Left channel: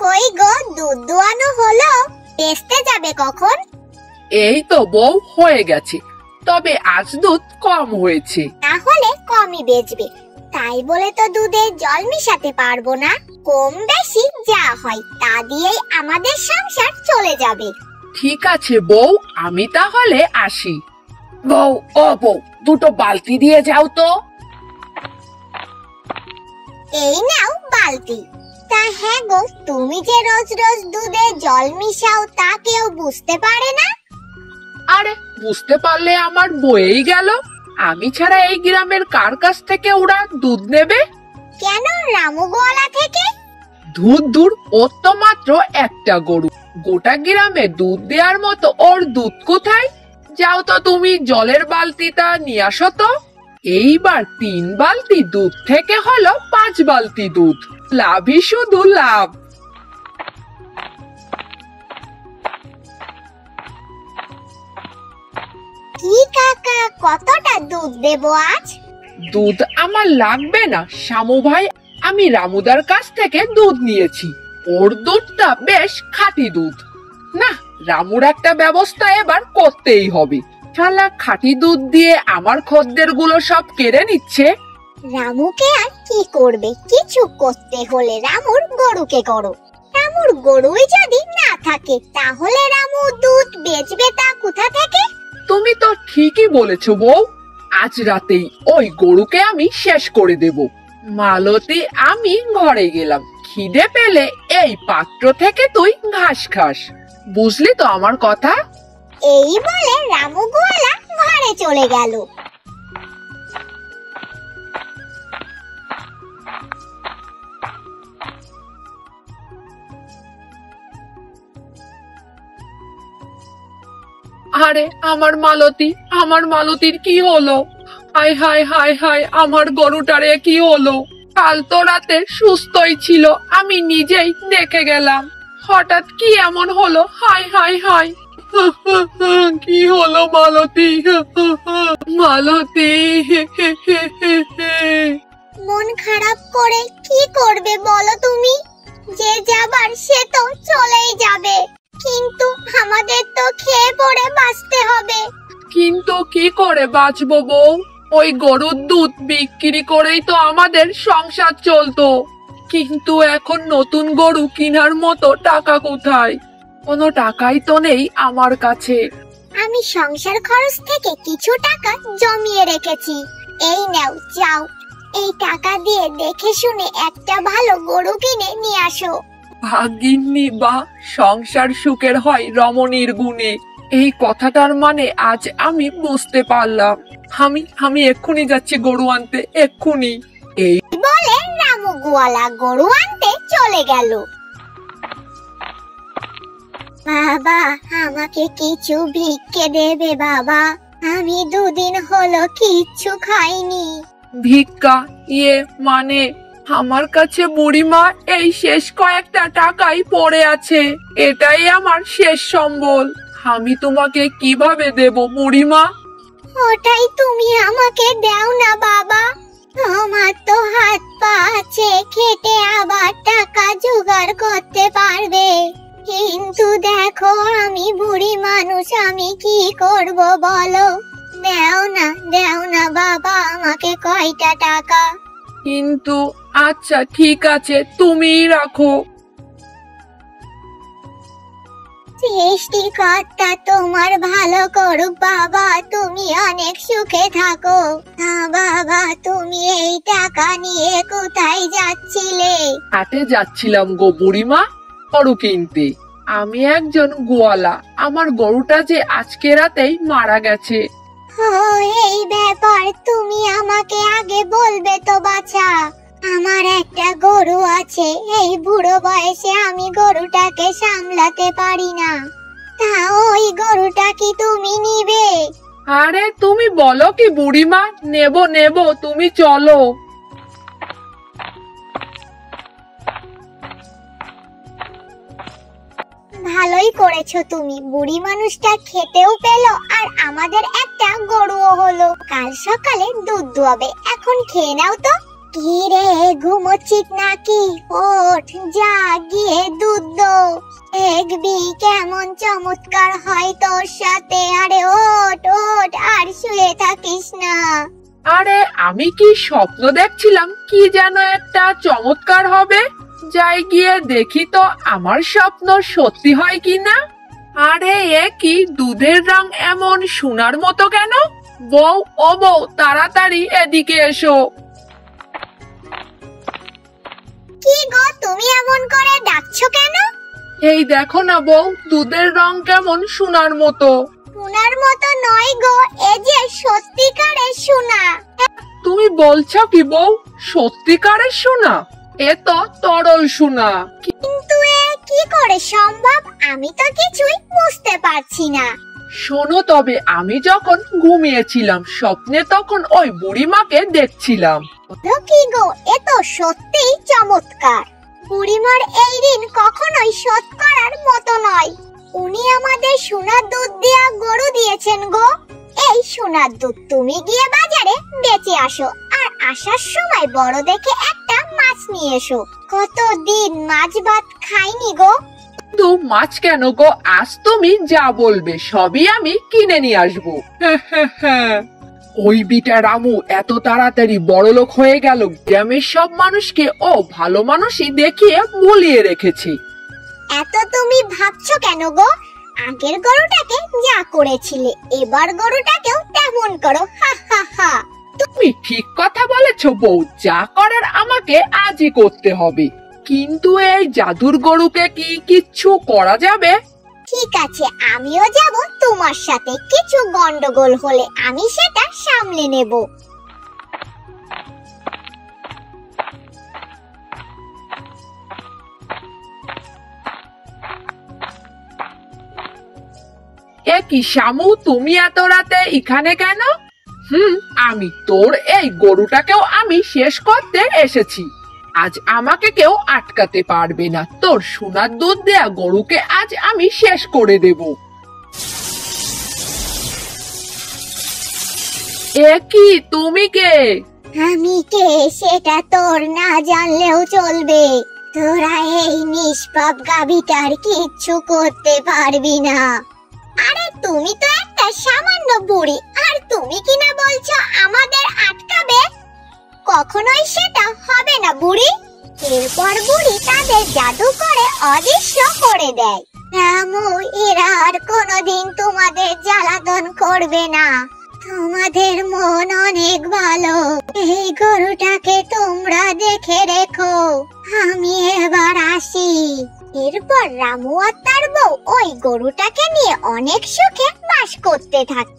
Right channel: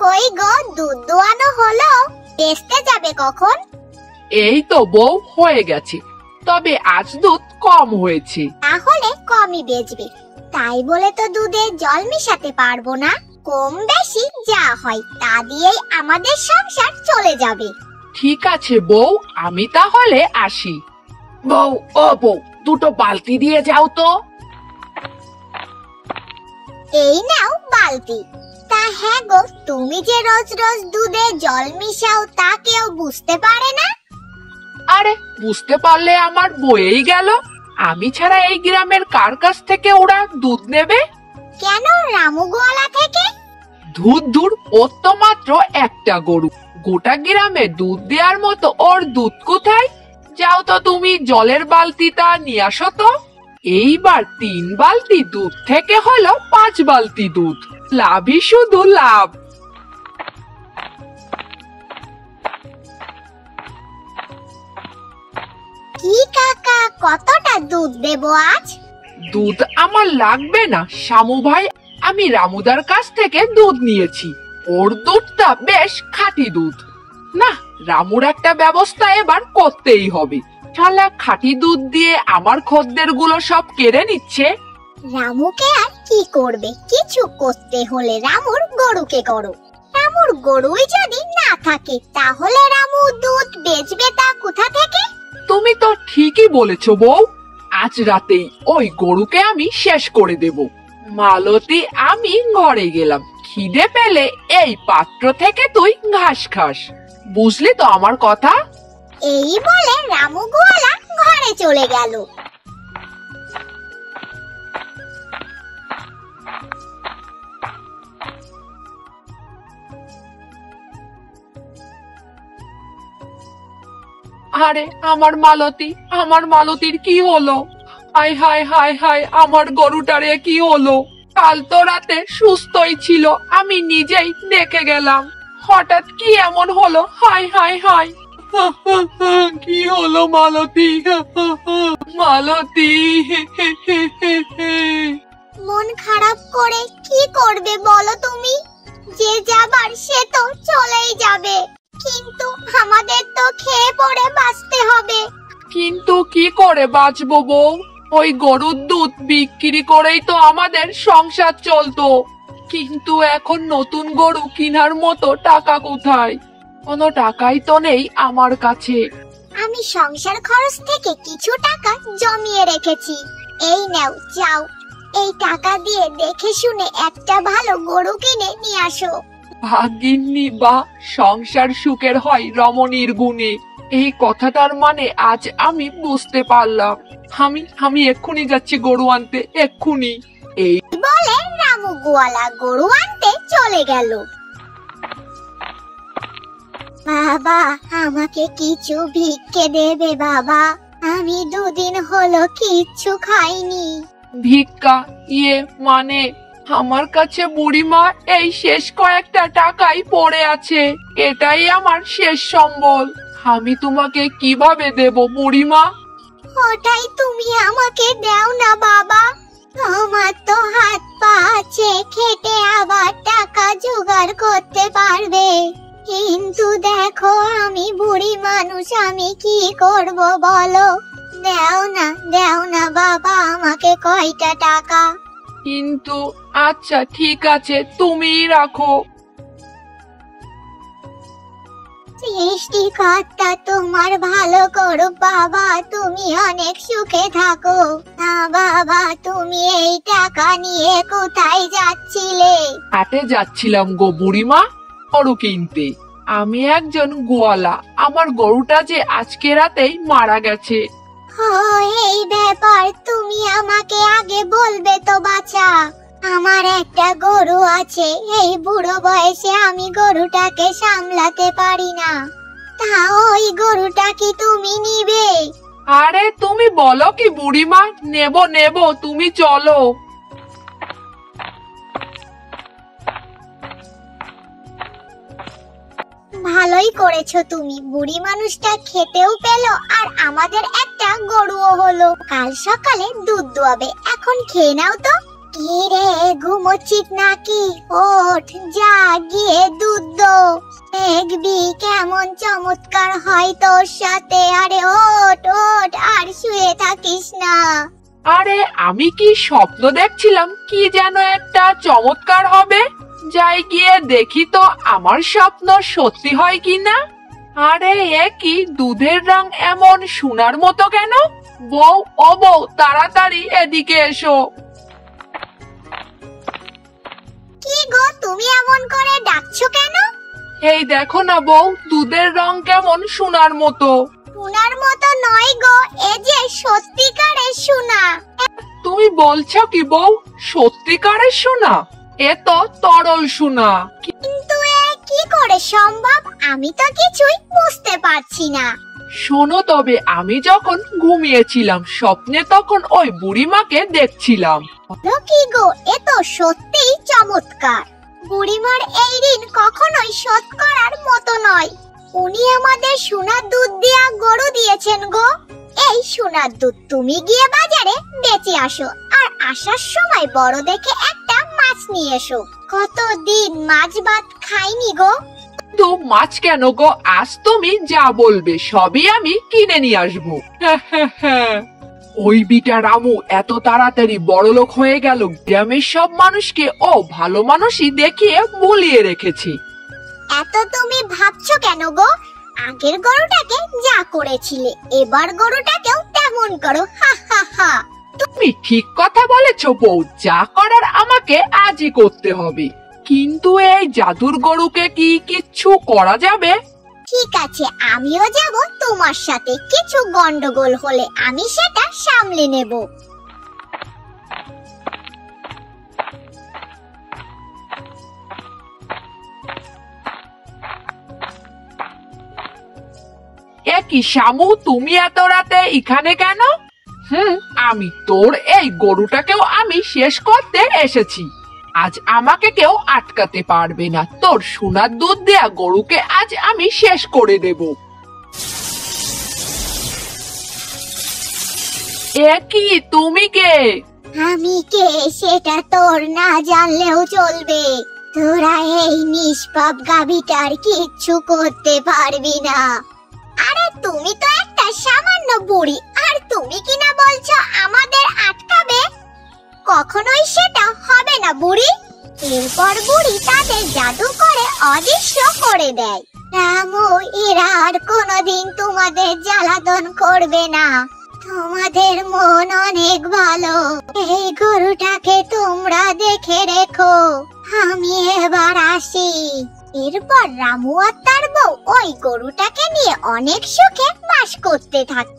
কই গো, দুধ দোয়ানো হলো? বেচতে যাবে কখন? এই তো বউ, হয়ে গেছে, তবে আজ দুধ কম হয়েছে। তাহলে কমই বেচবে, তাই বলে তো দুধে জল মিশাতে পারবো না। কম বেশি যা হয় তা দিয়েই আমাদের সংসার চলে যাবে। ঠিক আছে বউ, আমি তাহলে আসি। বউ, ও বউ, দুটো বালতি দিয়ে যাও তো। এই নাও বালতি। তা হ্যাঁ গো, তুমি যে রোজ রোজ দুধে জল মিশাও তা কেউ বুঝতে পারে না? আরে বুঝতে পারলে আমার বয়েই গেল। আমি ছাড়া এই গ্রামের কার কাছ থেকে ওরা দুধ নেবে? কেন, রামু গোয়ালা থেকে? দূর, ওর তো মাত্র একটা গরু, গোটা গ্রামে দুধ দেওয়ার মতো ওর দুধ কোথায়? যাও তো তুমি জলের বালতিটা নিয়ে আসো তো। এইবার 3 বালতি দুধ থেকে হলো 5 বালতি দুধ, লাভই শুধু লাভ। কি কাকা, কতটা দুধ দেবো আজ? দুধ আমার লাগবে না শামু ভাই, আমি রামুদার কাছ থেকে দুধ নিয়েছি, ওর দুধটা বেশ খাঁটি দুধ। না, রামুর একটা ব্যবস্থা এবার করতেই হবে। শালা খাঁটি দুধ দিয়ে আমার খদ্দের গুলো সব কেড়ে নিচ্ছে। রামুকে আর কি করবে, কিছু করতে হলে রামুর গরুকে করো। রামুর গরুই যদি না থাকে তাহলে রামু দুধ বেচবে তা কোথা থেকে? তুমি তো ঠিকই বলেছো বউ, আজ রাতেই ওই গরুকে আমি শেষ করে দেব। মালতী, আমি ঘরে গেলাম, খিদে পেলে এই পাত্র থেকে তুই ঘাস খাস, বুঝলি তো আমার কথা? এই বলে রামু গোয়ালা ঘরে চলে গেল। আরে আমার মালতীর কি হলো? হায় হায় হায় হায়, আমার গরুটারে কি হলো? কাল তো রাতে সুস্থই ছিল, আমি নিজেই দেখে গেলাম, হঠাৎ কি এমন হলো? হায় হায় হায়, কি হলো মালতী? মালতী, মন খারাপ করে কি করবে বলো তুমি? যে যাবার সে তো চলেই যাবে, কিন্তু আমাদের তো খেয়ে পড়ে বাঁচতে হবে। কিন্তু কি করে বাঁচবো বউ? ওই গরুর দুধ বিক্রি করেই তো আমাদের সংসার চলতো, কিন্তু এখন নতুন গরু কেনার মতো টাকা কোথায়? কোনো টাকাই তো নেই আমার কাছে। আমি সংসার খরচ থেকে কিছু টাকা জমিয়ে রেখেছি, এই নাও, যাও এই টাকা দিয়ে দেখে শুনে একটা ভালো গরু কিনে নিয়ে আসো। ভাগ্যিনী, বা সংসার সুখের হয় রমণীর গুণে, এই কথাটার মানে আজ আমি বুঝতে পারলাম। আমি এক্ষুনি যাচ্ছি গরু আনতে, এক্ষুনি। এই বলে রামু গোয়ালা গরু আনতে চলে গেল। বাবা, আমাকে কিছু ভিক্ষে দেবে বাবা, আমি 2 দিন হলো কিচ্ছু খাইনি। ভিক্ষা? মানে আমার কাছে বুড়িমা এই শেষ কয়েকটা টাকাই পড়ে আছে, এটাই আমার শেষ সম্বল, আমি তোমাকে কিভাবে দেব বুড়িমা? ওটাই তুমি আমাকে দাও না বাবা, তোমার তো হাত পা আছে, খেটে আবার টাকা জোগাড় করতে পারবে, কিন্তু দেখো আমি বুড়ি মানুষ, আমি কি করব বলো? দাও না বাবা আমাকে কয়টা টাকা। কিন্তু আচ্ছা ঠিক আছে, তুমিই রাখো। সৃষ্টিকর্তা তোমার ভালো করুক বাবা, তুমি অনেক সুখে থাকো। না বাবা, তুমি এই টাকা নিয়ে কোথায় যাচ্ছিলে? হাটে যাচ্ছিলাম গো বুড়িমা, গরু কিনতে। আমি একজন গোয়ালা, আমার গরুটা যে আজকে রাতেই মারা গেছে। এই ব্যাপার তুমি আমাকে আগে বলবে তো বাছা, আমার একটা গরু আছে, এই বুড়ো বয়সে আমি গরুটাকে সামলাতে পারি না, তা ওই গরুটা কি তুমি নিবে? আরে তুমি বলো কি বুড়িমা, নেব, তুমি চলো। ভালোই করেছো তুমি, বুড়ি মানুষটা খেতেও পেলো আর আমাদের একটা গরুও হলো। কাল সকালে দুধ দোয়াবে, এখন খেয়ে নাও তো। কি রে, ঘুমোচ্ছিস নাকি? ওঠ, যা গিয়ে দুধ দো। দেখবি কেমন চমৎকার হয় তোর সাথে। আরে ওঠ ওঠ, আর শুয়ে থাকিস না। আরে আমি কি স্বপ্ন দেখছিলাম কি যেন একটা চমৎকার হবে? যাই গিয়ে দেখি তো আমার স্বপ্ন সত্যি হয় কিনা। আরে এ কি, দুধের রং এমন সোনার মতো কেন? বউ, ও বউ, তাড়াতাড়ি এদিকে এসো। কি গো, তুমি এমন করে ডাকছো কেন? এই দেখো না বউ, দুধের রং কেমন সোনার মতো। সোনার মতো নয় গো, এ যে সত্যিকারের সোনা। তুমি বলছো কি বউ? সত্যিকারের সোনা? এ তো তরল সোনা। কিন্তু এ কি করে সম্ভব? আমি তো কিছুই বুঝতে পারছি না। শোনো তবে, আমি যখন ঘুমিয়েছিলাম স্বপ্নে তখন ওই বুড়িমাকে দেখছিলাম। বলো কি গো, এ তো সত্যিই চমৎকার। বুড়িমার এই ঋণ কখনোই শোধ করার মতো নয়। উনি আমাদের সোনার দুধ দেয়া গরু দিয়েছেন গো। এই সোনার দুধ তুমি গিয়ে বাজারে বেচে আসো, আর আসার সময় বড় দেখে একটা মাছ নিয়ে এসো। কতদিন মাছ ভাত খাইনি গো। তো মাছ কেন গো? আজ তুমি যা বলবে সবই আমি কিনে নিয়ে আসবো। ওই বিটা রামু এত তাড়াতাড়ি বড়লোক হয়ে গেল, গ্রামের সব মানুষকে ও ভালো মানুষই দেখিয়ে ভুলিয়ে রেখেছে। এত তুমি ভাবছো কেন গো? আগের গরুটাকে যা করেছিলে, এবার গরুটাকেও তেমন করো। হা হা হা। তুমি ঠিক কথা বলেছো বউ, যা করার আমাকে আজই করতে হবে। কিন্তু এই জাদুর গরুকে কি কিচ্ছু করা যাবে? ঠিক আছে, আমিও যাব তোমার সাথে। কিছু গন্ডগোল হলে আমি সেটা সামলে নেব। এ কি শামু, তুমি এত রাতে এখানে কেন? আমি তোর এই গরুটাকেও আমি শেষ করতে এসেছি। আজ আমাকে কেউ আটকাতে পারবে না। তোর সোনার দুধ দেয়া গরুকে আজ আমি শেষ করে দেব। এ কি, তুমি কে? আমি কে সেটা তোর না জানলেও চলবে। তোরা এই নিষ্পাপ গাভীটার কিচ্ছু করতে পারবি না। আরে তুমি তো একটা সামান্য বুড়ি, আর তুমি কিনা বলছো আমাদের আটকাবে? কখনোই সেটা হবে না বুড়ি। এরপর বুড়ি তাদের জাদু করে অদৃশ্য করে দেয়। রামু, এরা আর কোনোদিন তোমাদের জ্বালাতন করবে না। তোমাদের মন অনেক ভালো। এই গরুটাকে তোমরা দেখে রেখো। আমি এবার আসি। এরপর রামু আর তার বউ ওই গরুটাকে নিয়ে অনেক সুখে বাস করতে থাকে।